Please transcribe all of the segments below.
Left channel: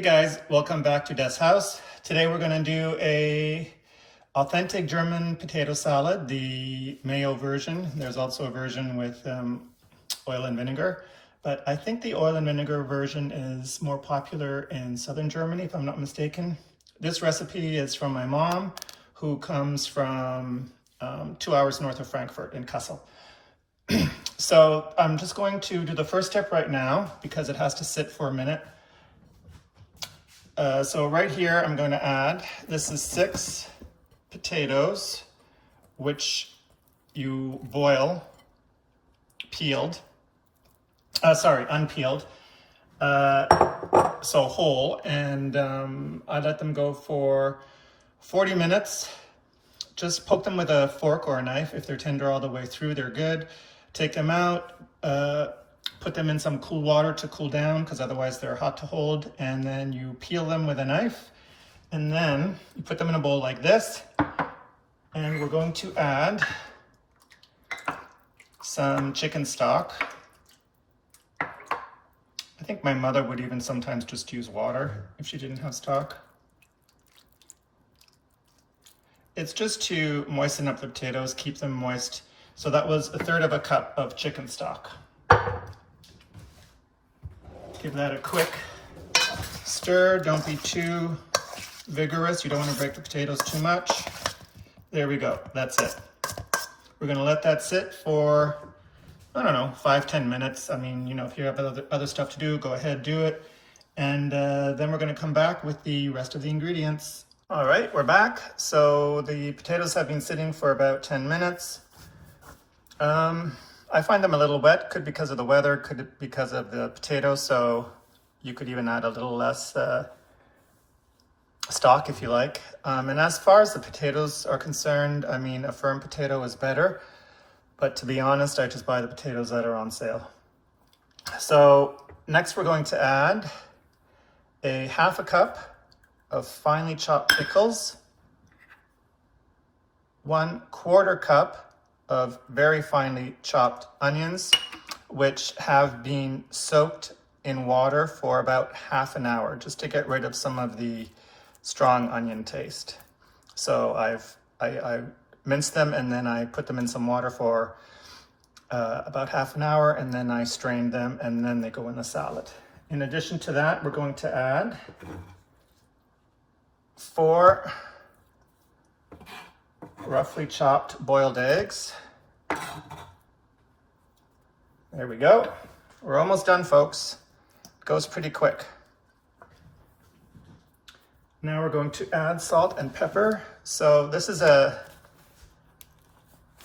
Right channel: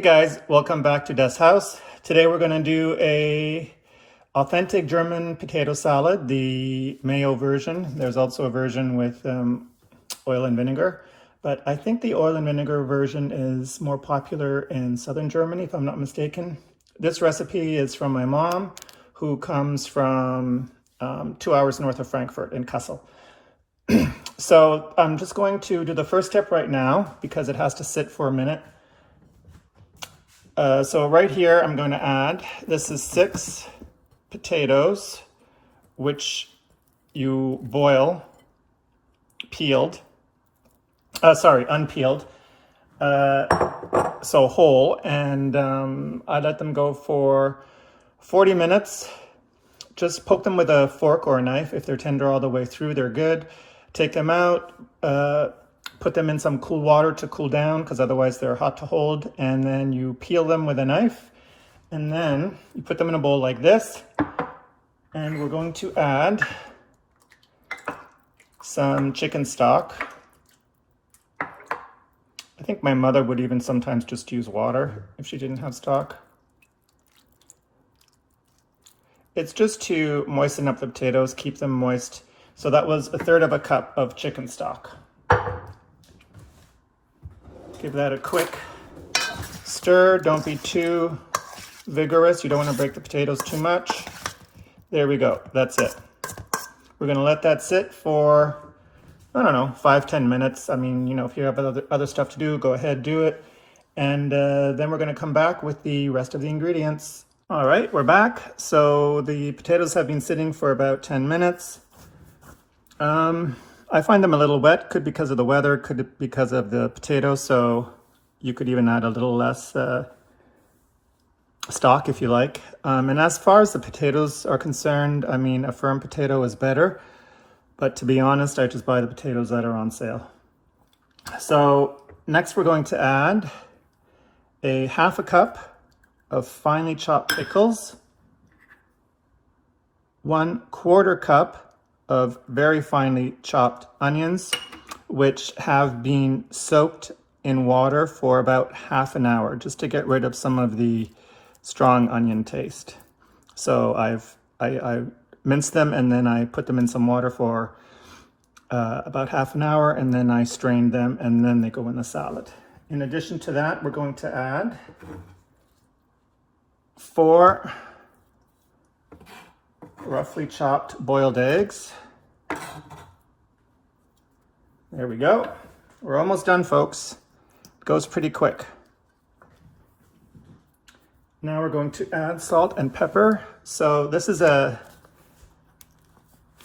Hey guys, welcome back to Des House. Today we're going to do a authentic German potato salad, the mayo version. There's also a version with oil and vinegar, but I think the oil and vinegar version is more popular in southern Germany, if I'm not mistaken. This recipe is from my mom, who comes from 2 hours north of Frankfurt in Kassel. So I'm just going to do the first step right now because it has to sit for a minute. So right here, I'm going to add, this is 6 potatoes, which you boil, peeled, unpeeled, so whole, and I let them go for 40 minutes. Just poke them with a fork or a knife. If they're tender all the way through, they're good. Take them out, put them in some cool water to cool down because otherwise they're hot to hold, and then you peel them with a knife, and then you put them in a bowl like this, and we're going to add some chicken stock. I think my mother would even sometimes just use water if she didn't have stock. It's just to moisten up the potatoes, keep them moist. So that was 1/3 cup of chicken stock. Give that a quick stir. Don't be too vigorous. You don't want to break the potatoes too much. There we go. That's it. We're going to let that sit for, I don't know, 5-10 minutes. I mean, you know, if you have other stuff to do, go ahead, do it. And then we're going to come back with the rest of the ingredients. All right, we're back. So the potatoes have been sitting for about 10 minutes. I find them a little wet, could be because of the weather, could be because of the potatoes, so you could even add a little less stock if you like. And as far as the potatoes are concerned, I mean, a firm potato is better, but to be honest, I just buy the potatoes that are on sale. So next we're going to add a 1/2 cup of finely chopped pickles, 1/4 cup of very finely chopped onions, which have been soaked in water for about 1/2 hour, just to get rid of some of the strong onion taste. So I minced them and then I put them in some water for about 1/2 hour, and then I strained them, and then they go in a salad. In addition to that, we're going to add 4 roughly chopped boiled eggs. There we go. We're almost done, folks. It goes pretty quick. Now we're going to add salt and pepper. So this is a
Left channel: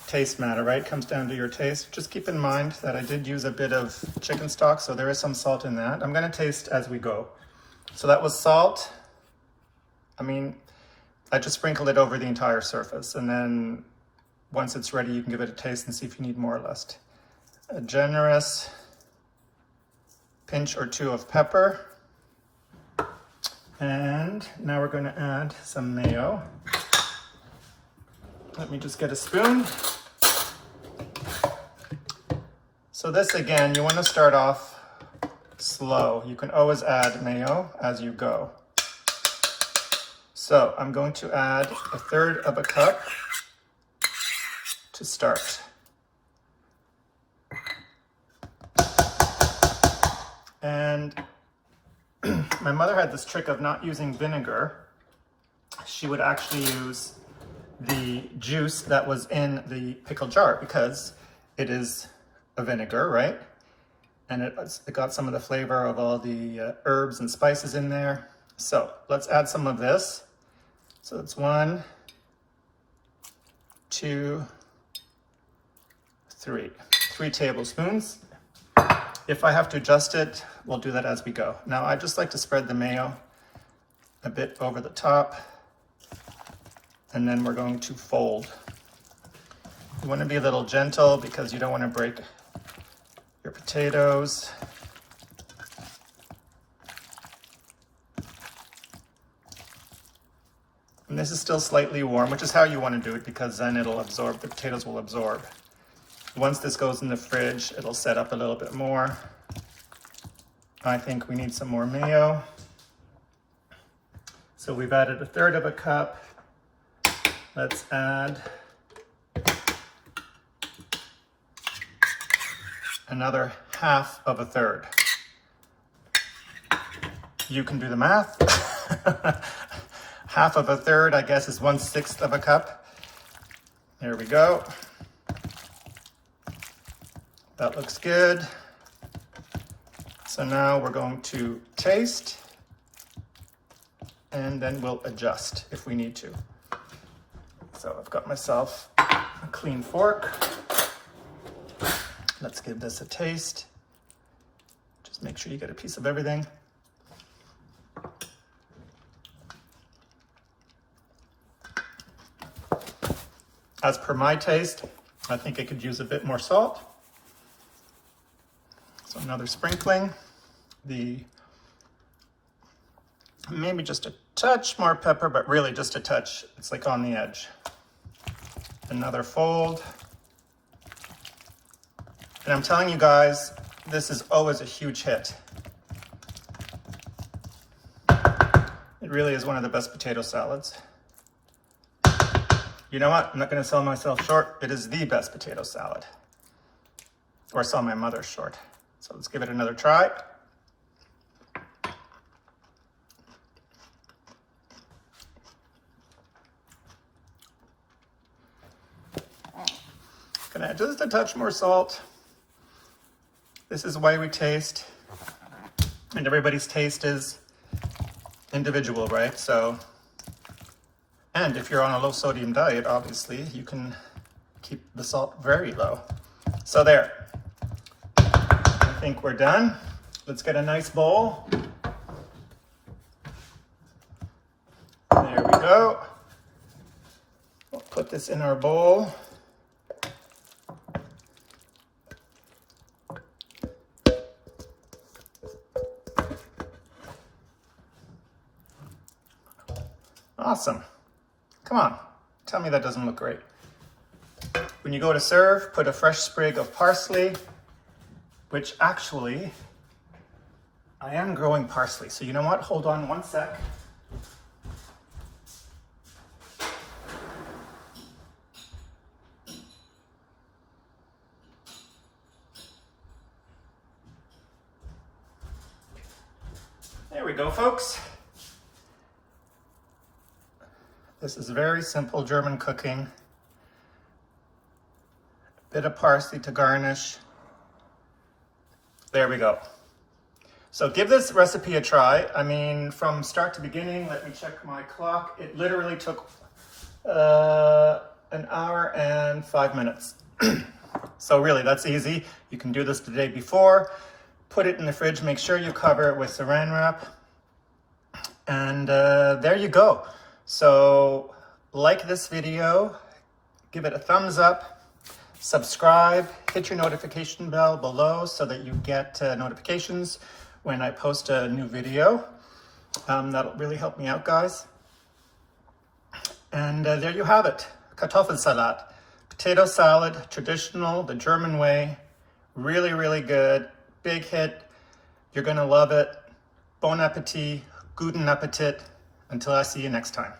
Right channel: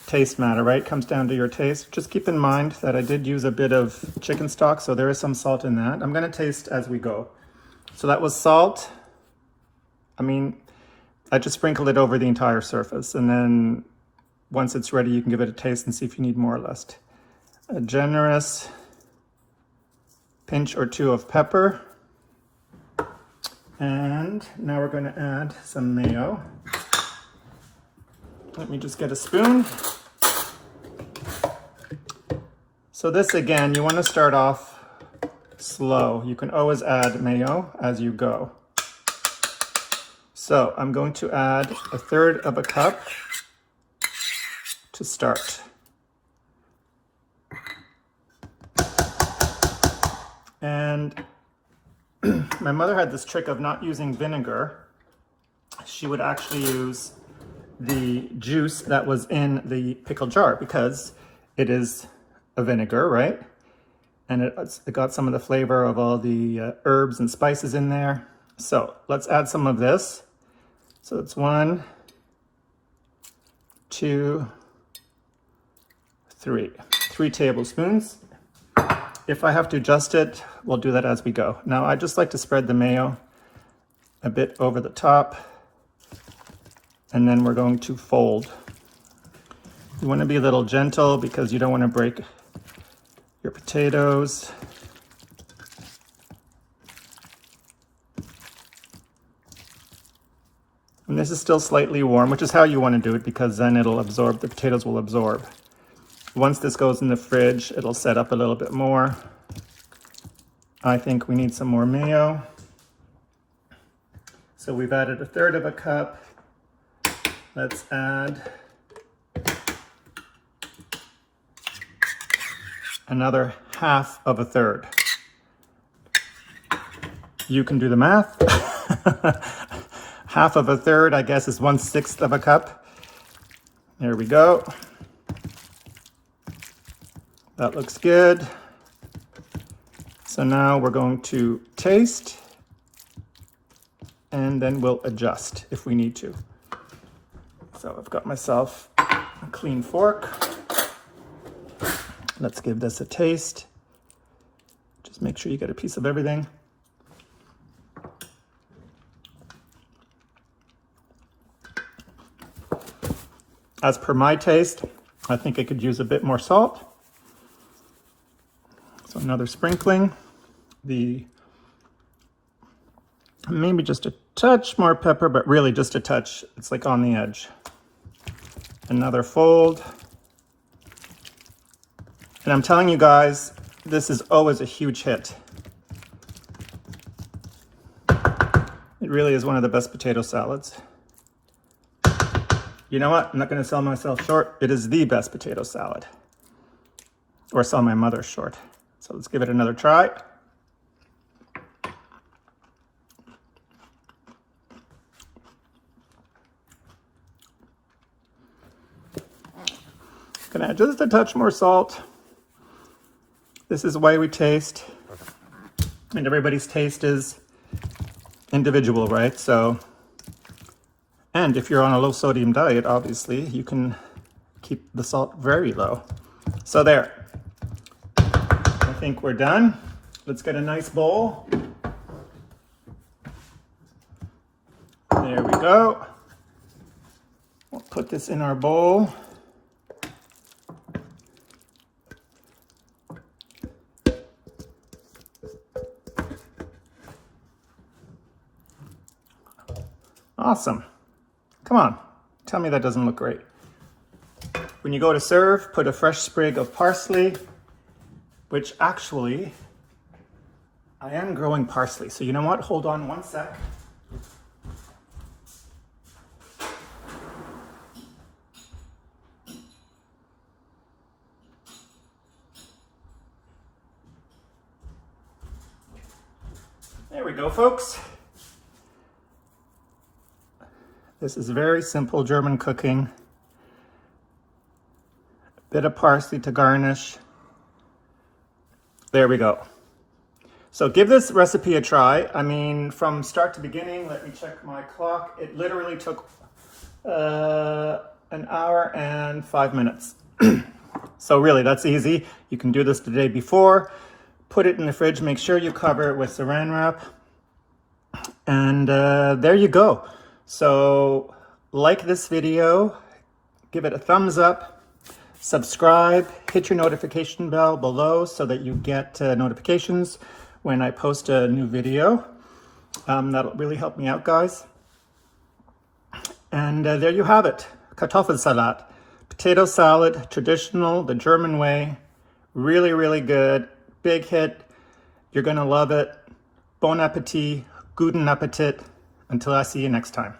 taste matter, right? It comes down to your taste. Just keep in mind that I did use a bit of chicken stock, so there is some salt in that. I'm going to taste as we go. So that was salt. I mean, I just sprinkled it over the entire surface, and then once it's ready, you can give it a taste and see if you need more or less. A generous pinch or 2 of pepper. And now we're going to add some mayo. Let me just get a spoon. So this, again, you want to start off slow. You can always add mayo as you go. So I'm going to add 1/3 cup to start. And my mother had this trick of not using vinegar. She would actually use the juice that was in the pickle jar because it is a vinegar, right? And it got some of the flavor of all the herbs and spices in there. So let's add some of this. So it's 1, 2, 3 tablespoons. If I have to adjust it, we'll do that as we go. Now I just like to spread the mayo a bit over the top, and then we're going to fold. You want to be a little gentle because you don't want to break your potatoes. And this is still slightly warm, which is how you want to do it because then it'll absorb, the potatoes will absorb. Once this goes in the fridge, it'll set up a little bit more. I think we need some more mayo. So we've added 1/3 of a cup. Let's add another 1/2 of a third. You can do the math. 1/2 of a third, I guess, is 1/6 of a cup. There we go. That looks good. So now we're going to taste, and then we'll adjust if we need to. So I've got myself a clean fork. Let's give this a taste. Just make sure you get a piece of everything. As per my taste, I think I could use a bit more salt. So another sprinkling. Maybe just a touch more pepper, but really just a touch. It's like on the edge. Another fold. And I'm telling you guys, this is always a huge hit. It really is one of the best potato salads. You know what? I'm not going to sell myself short. It is the best potato salad. Or sell my mother short. So let's give it another try. Can I add just a touch more salt? This is the way we taste. And everybody's taste is individual, right? So, and if you're on a low sodium diet, obviously, you can keep the salt very low. So there. I think we're done. Let's get a nice bowl. There we go. We'll put this in our bowl. Awesome. Come on, tell me that doesn't look great. When you go to serve, put a fresh sprig of parsley, which actually, I am growing parsley. So you know what? Hold on one sec. There we go, folks. This is very simple German cooking. A bit of parsley to garnish. There we go. So give this recipe a try. I mean, from start to beginning, let me check my clock. It literally took 1 hour and 5 minutes. So really, that's easy. You can do this the day before. Put it in the fridge. Make sure you cover it with saran wrap. And there you go. So like this video, give it a thumbs up, subscribe, hit your notification bell below so that you get notifications when I post a new video. That'll really help me out, guys. And there you have it, Kartoffelsalat. Potato salad, traditional, the German way. Really, really good, big hit. You're gonna love it. Bon appetit, guten Appetit. Until I see you next time.